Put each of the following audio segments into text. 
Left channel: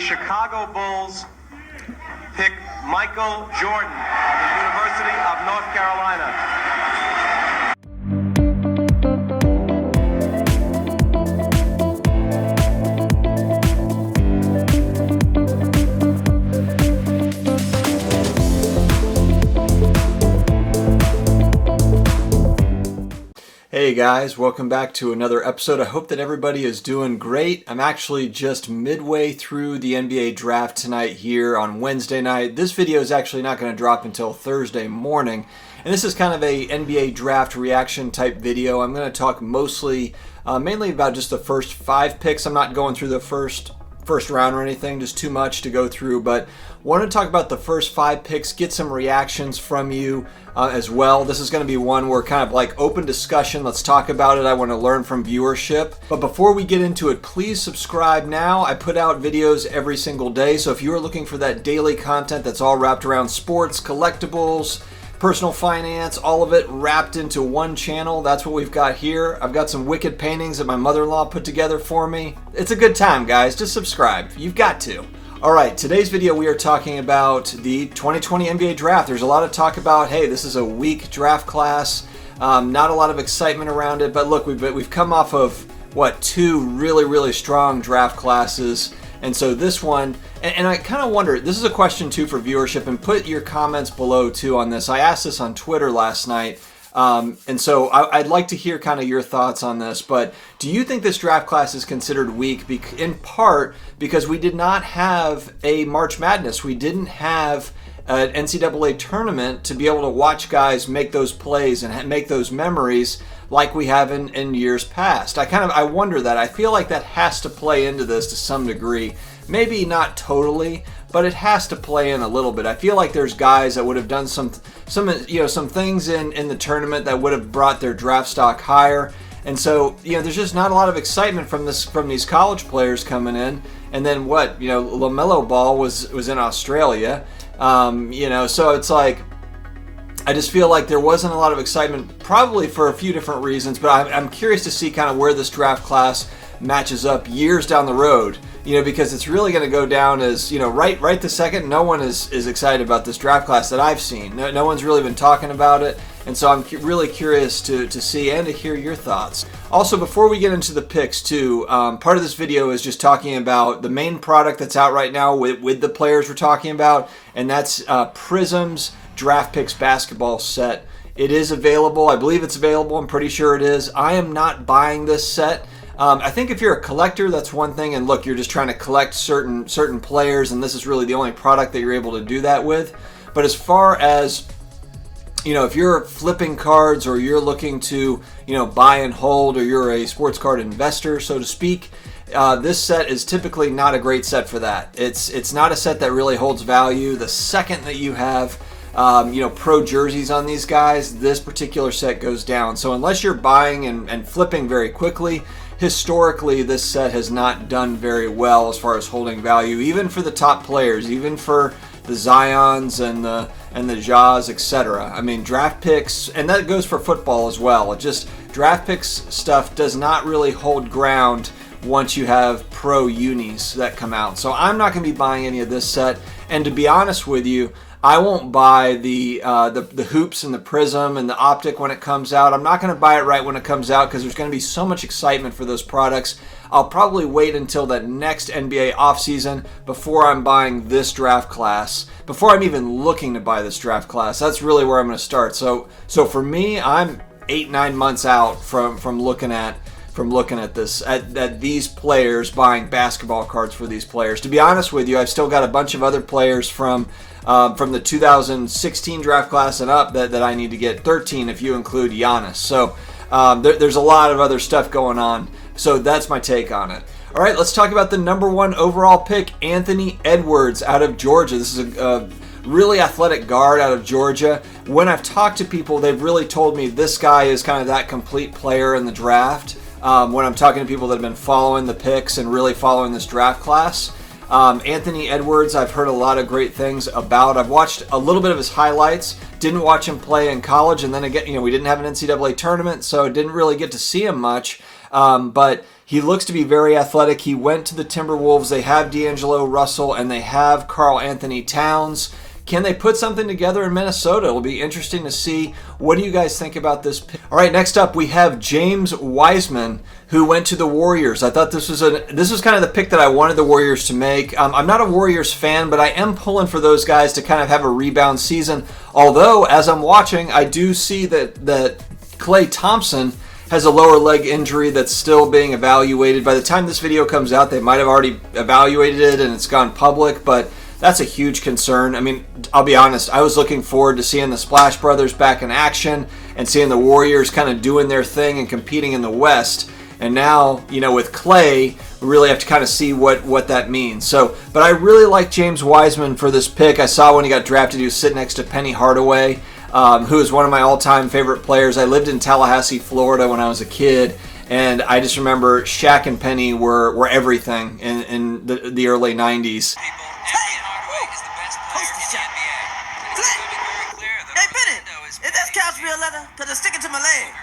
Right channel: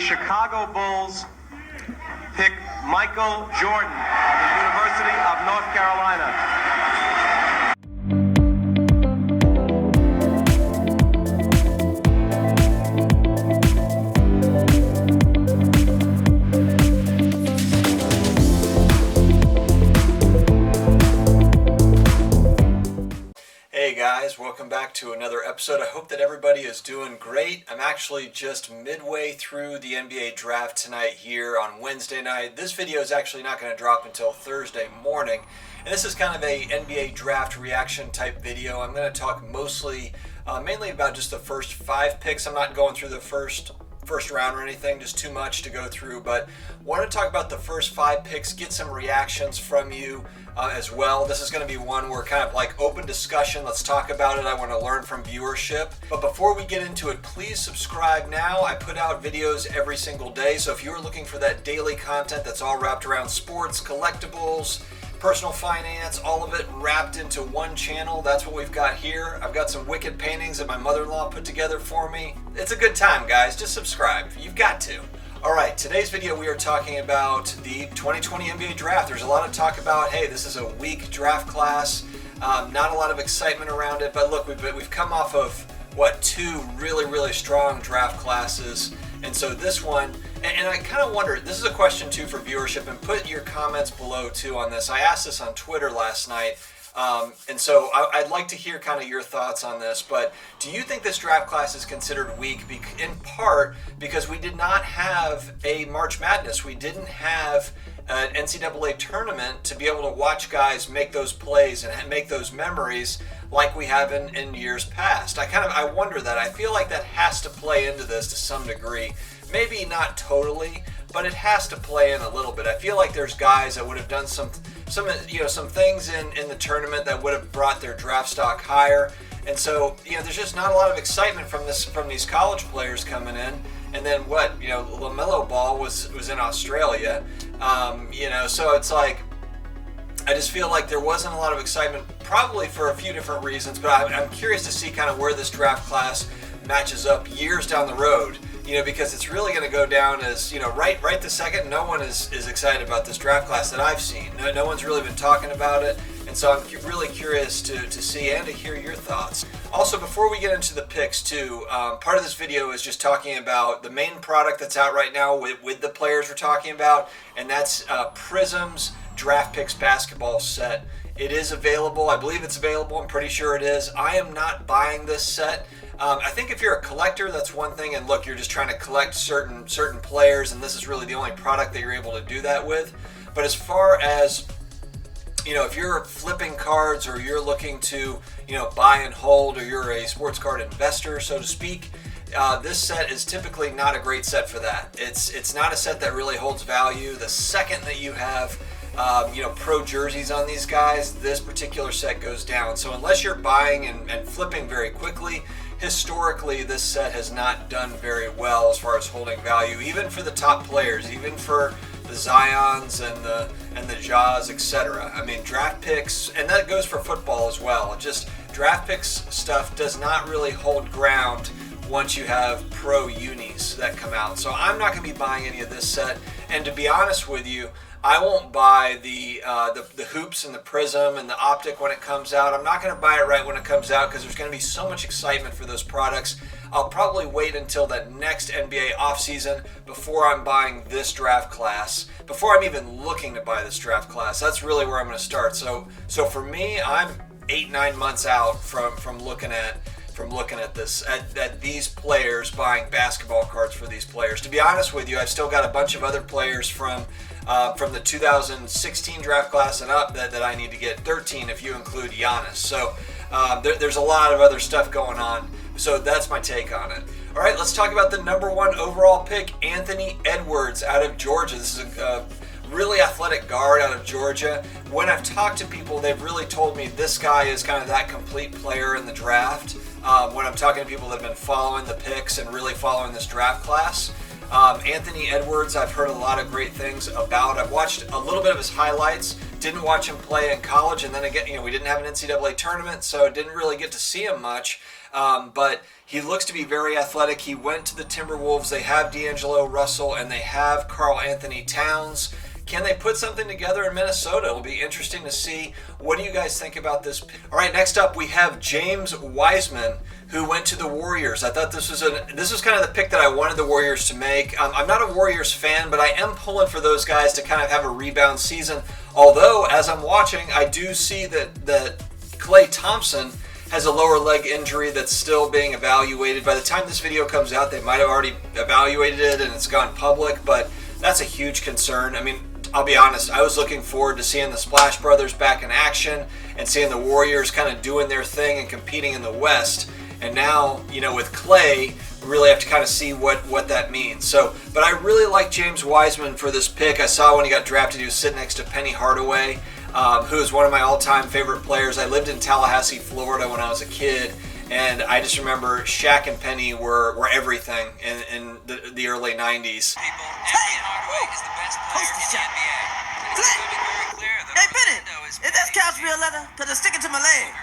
Chicago Bulls pick Michael Jordan of the University of North Carolina. Hey guys, welcome back to another episode. I hope that everybody is doing great. I'm actually just midway through the NBA draft tonight here on Wednesday night. This video is actually not going to drop until Thursday morning. And this is kind of a NBA draft reaction type video. I'm going to talk mainly about just the first 5 picks. I'm not going through the first round or anything, just too much to go through, but want to talk about the first 5 picks, get some reactions from you as well. This is going to be one where kind of like open discussion. Let's talk about it. I want to learn from viewership. But before we get into it, please subscribe now. I put out videos every single day, so if you are looking for that daily content that's all wrapped around sports, collectibles, personal finance, all of it wrapped into one channel, that's what we've got here. I've got some wicked paintings that my mother-in-law put together for me. It's a good time, guys. Just subscribe. You've got to. All right, today's video we are talking about the 2020 NBA draft. There's a lot of talk about, hey, this is a weak draft class. Not a lot of excitement around it, but look, we've come off of, 2 really strong draft classes. And so this one, and I kind of wonder, this is a question too for viewership, and put your comments below too on this. I asked this on Twitter last night, and so I'd like to hear kind of your thoughts on this. But do you think this draft class is considered weak in part because we did not have a March Madness? We didn't have an NCAA tournament to be able to watch guys make those plays and make those memories like we have in years past. I wonder that. I feel like that has to play into this to some degree. Maybe not totally, but it has to play in a little bit. I feel like there's guys that would have done some things in the tournament that would have brought their draft stock higher. And so, there's just not a lot of excitement from these college players coming in. And then LaMelo Ball was in Australia. So it's like, I just feel like there wasn't a lot of excitement, probably for a few different reasons, but I'm curious to see kind of where this draft class matches up years down the road, because it's really going to go down as, right this second, no one is excited about this draft class that I've seen. No one's really been talking about it, and so I'm really curious to see and to hear your thoughts. Also, before we get into the picks too, part of this video is just talking about the main product that's out right now with the players we're talking about, and that's Prizm's Draft Picks basketball set. It is available. I believe it's available. I'm pretty sure it is. I am not buying this set. I think if you're a collector, that's one thing. And look, you're just trying to collect certain players, and this is really the only product that you're able to do that with. But as far as, if you're flipping cards or you're looking to, buy and hold, or you're a sports card investor, so to speak, this set is typically not a great set for that. It's not a set that really holds value. The second that you have pro jerseys on these guys, this particular set goes down. So unless you're buying and flipping very quickly, historically this set has not done very well as far as holding value, even for the top players, even for the Zions and the Jaws, etc. I mean, draft picks, and that goes for football as well. Draft picks stuff does not really hold ground once you have pro unis that come out. So I'm not going to be buying any of this set, and to be honest with you, I won't buy the hoops and the Prizm and the optic when it comes out. I'm not going to buy it right when it comes out because there's going to be so much excitement for those products. I'll probably wait until the next NBA offseason before I'm buying this draft class, before I'm even looking to buy this draft class. That's really where I'm going to start. So for me, I'm 8-9 months out from looking at this, at these players, buying basketball cards for these players. To be honest with you, I've still got a bunch of other players from the 2016 draft class and up that I need to get, 13 if you include Giannis. So there's a lot of other stuff going on. So that's my take on it. All right, let's talk about the number 1 overall pick, Anthony Edwards out of Georgia. This is a really athletic guard out of Georgia. When I've talked to people, they've really told me this guy is kind of that complete player in the draft. When I'm talking to people that have been following the picks and really following this draft class, Anthony Edwards, I've heard a lot of great things about. I've watched a little bit of his highlights. Didn't watch him play in college, and then again, we didn't have an NCAA tournament, so didn't really get to see him much. But he looks to be very athletic. He went to the Timberwolves. They have D'Angelo Russell and they have Karl Anthony Towns. Can they put something together in Minnesota? It'll be interesting to see. What do you guys think about this pick? All right, next up we have James Wiseman, who went to the Warriors. I thought this was kind of the pick that I wanted the Warriors to make. I'm not a Warriors fan, but I am pulling for those guys to kind of have a rebound season. Although, as I'm watching, I do see that Klay Thompson has a lower leg injury that's still being evaluated. By the time this video comes out, they might have already evaluated it and it's gone public, but that's a huge concern. I mean, I'll be honest, I was looking forward to seeing the Splash Brothers back in action and seeing the Warriors kind of doing their thing and competing in the West. And now, with Klay, we really have to kind of see what that means. So, but I really like James Wiseman for this pick. I saw when he got drafted, he was sitting next to Penny Hardaway, who is one of my all-time favorite players. I lived in Tallahassee, Florida when I was a kid, and I just remember Shaq and Penny were everything in the early 90s. Hey, Penny, is this couch real leather? Because it's sticking to my leg.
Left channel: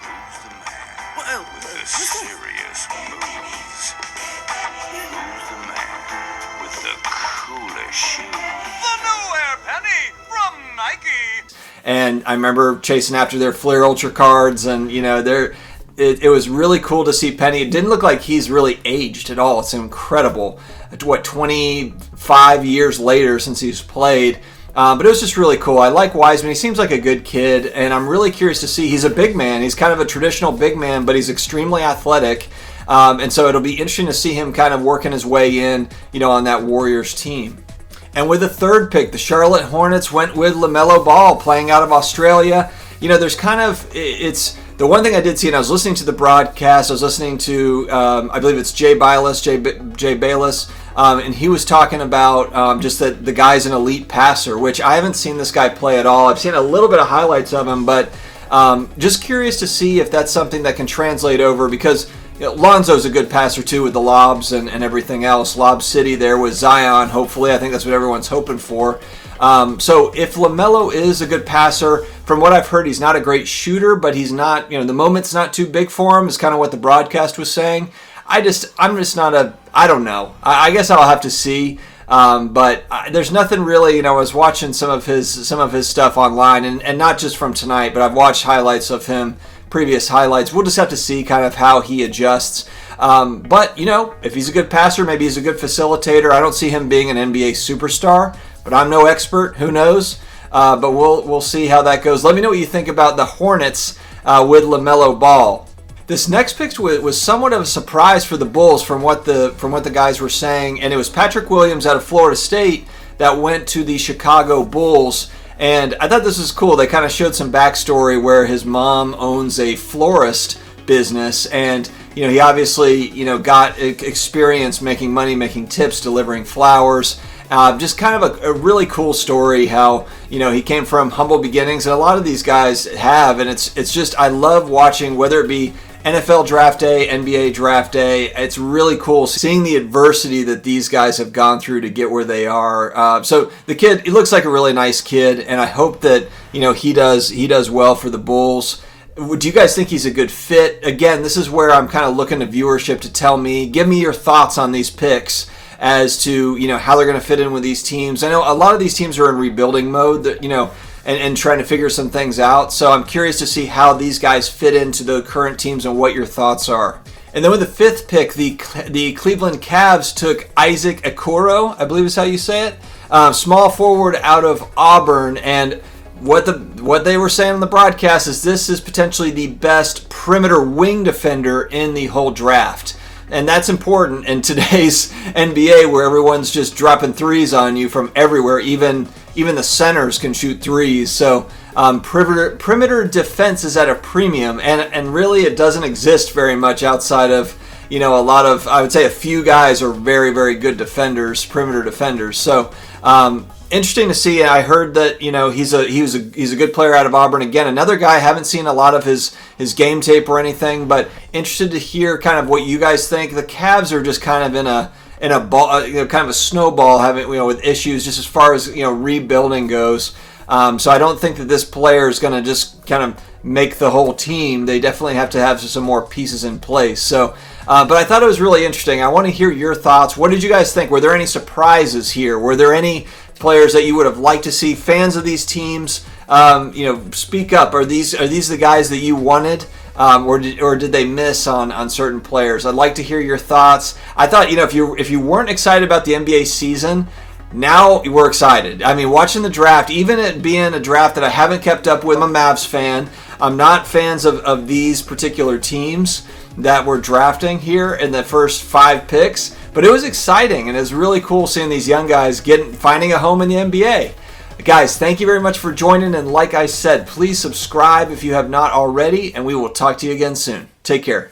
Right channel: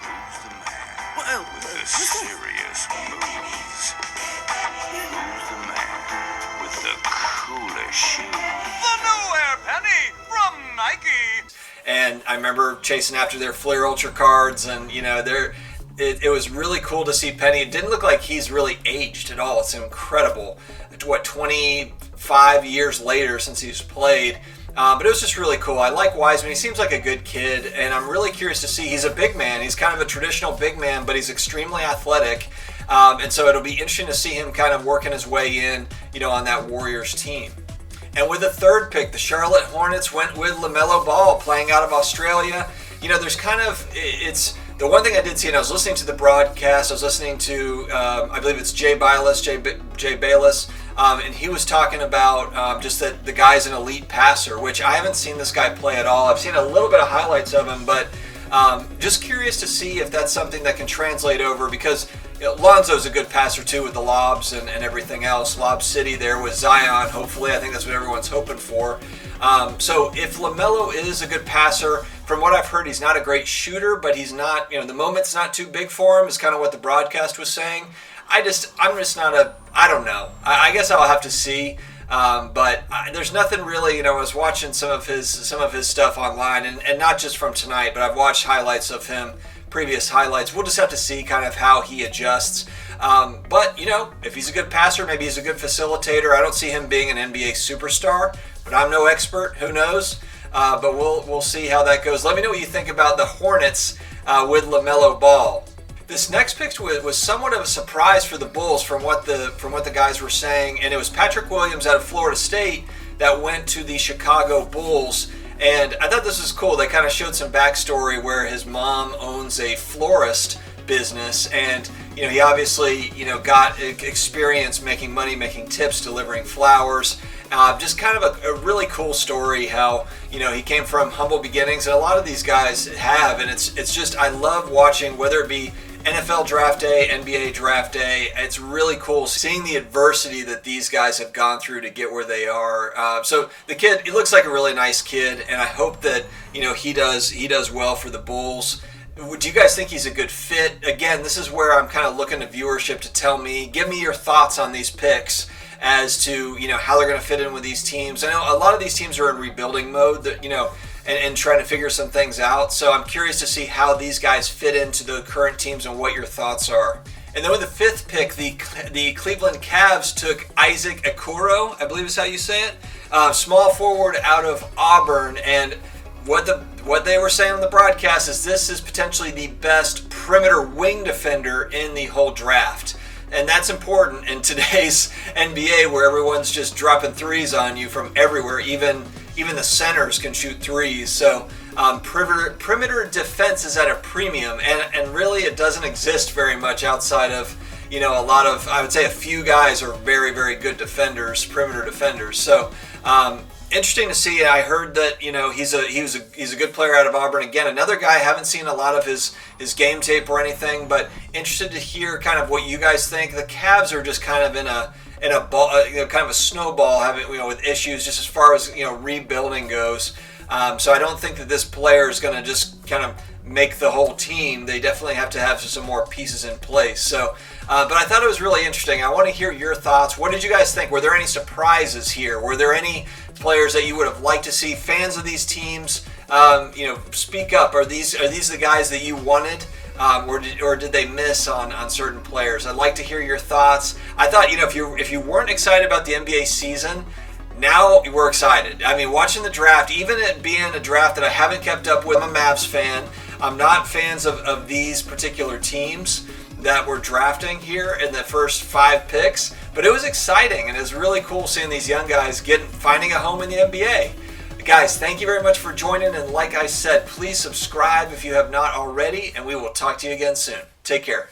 Who's the man with the serious moves? Who's the man with the coolest shoes? The new Air Penny from Nike. And I remember chasing after their Flair Ultra cards, and it was really cool to see Penny. It didn't look like he's really aged at all. It's incredible. 25 years later since he's played. But it was just really cool. I like Wiseman. He seems like a good kid, and I'm really curious to see. He's a big man. He's kind of a traditional big man, but he's extremely athletic. And so it'll be interesting to see him kind of working his way in, on that Warriors team. And with the third pick, the Charlotte Hornets went with LaMelo Ball, playing out of Australia. There's kind of, it's the one thing I did see, and I was listening to the broadcast. I was listening to, I believe it's Jay Bayless, and he was talking about just that the guy's an elite passer, which I haven't seen this guy play at all. I've seen a little bit of highlights of him, but just curious to see if that's something that can translate over, because Lonzo's a good passer too with the lobs and everything else. Lob City there with Zion, hopefully. I think that's what everyone's hoping for. So if LaMelo is a good passer, from what I've heard, he's not a great shooter, but he's not, the moment's not too big for him, is kind of what the broadcast was saying. I don't know. I guess I'll have to see. But there's nothing really, I was watching some of his stuff online, and not just from tonight, but I've watched highlights of him, previous highlights. We'll just have to see kind of how he adjusts. But, if he's a good passer, maybe he's a good facilitator. I don't see him being an NBA superstar, but I'm no expert. Who knows? But we'll see how that goes. Let me know what you think about the Hornets with LaMelo Ball. This next pick was somewhat of a surprise for the Bulls from what the guys were saying, and it was Patrick Williams out of Florida State that went to the Chicago Bulls. And I thought this was cool. They kind of showed some backstory where his mom owns a florist business, and he obviously got experience making money, making tips, delivering flowers. Just kind of a really cool story how he came from humble beginnings, and a lot of these guys have, and it's just, I love watching, whether it be NFL Draft Day, NBA Draft Day. It's really cool seeing the adversity that these guys have gone through to get where they are. So the kid, he looks like a really nice kid, and I hope that he does well for the Bulls. Do you guys think he's a good fit? Again, this is where I'm kind of looking to viewership to give me your thoughts on these picks as to how they're going to fit in with these teams. I know a lot of these teams are in rebuilding mode, that and trying to figure some things out. So I'm curious to see how these guys fit into the current teams and what your thoughts are. And then with the fifth pick, the Cleveland Cavs took Isaac Okoro, I believe is how you say it, small forward out of Auburn. And what they were saying on the broadcast is this is potentially the best perimeter wing defender in the whole draft. And that's important in today's NBA, where everyone's just dropping threes on you from everywhere. Even the centers can shoot threes. So perimeter defense is at a premium, and really it doesn't exist very much outside of a lot of, I would say a few guys are very, very good defenders, perimeter defenders. So interesting to see. I heard that he's a good player out of Auburn. Again, another guy, I haven't seen a lot of his game tape or anything, but interested to hear kind of what you guys think. The Cavs are just kind of in a ball, kind of a snowball, having with issues just as far as rebuilding goes. So I don't think that this player is going to just kind of make the whole team. They definitely have to have some more pieces in place. So, but I thought it was really interesting. I want to hear your thoughts. What did you guys think? Were there any surprises here? Were there any players that you would have liked to see? Fans of these teams, speak up. Are these the guys that you wanted? Or did they miss on certain players? I'd like to hear your thoughts. I thought, if you weren't excited about the NBA season, now we're excited. I mean, watching the draft, even it being a draft that I haven't kept up with, I'm a Mavs fan. I'm not fans of these particular teams that we're drafting here in the first 5 picks, but it was exciting, and it was really cool seeing these young guys finding a home in the NBA. Guys, thank you very much for joining, and like I said, please subscribe if you have not already, and we will talk to you again soon. Take care.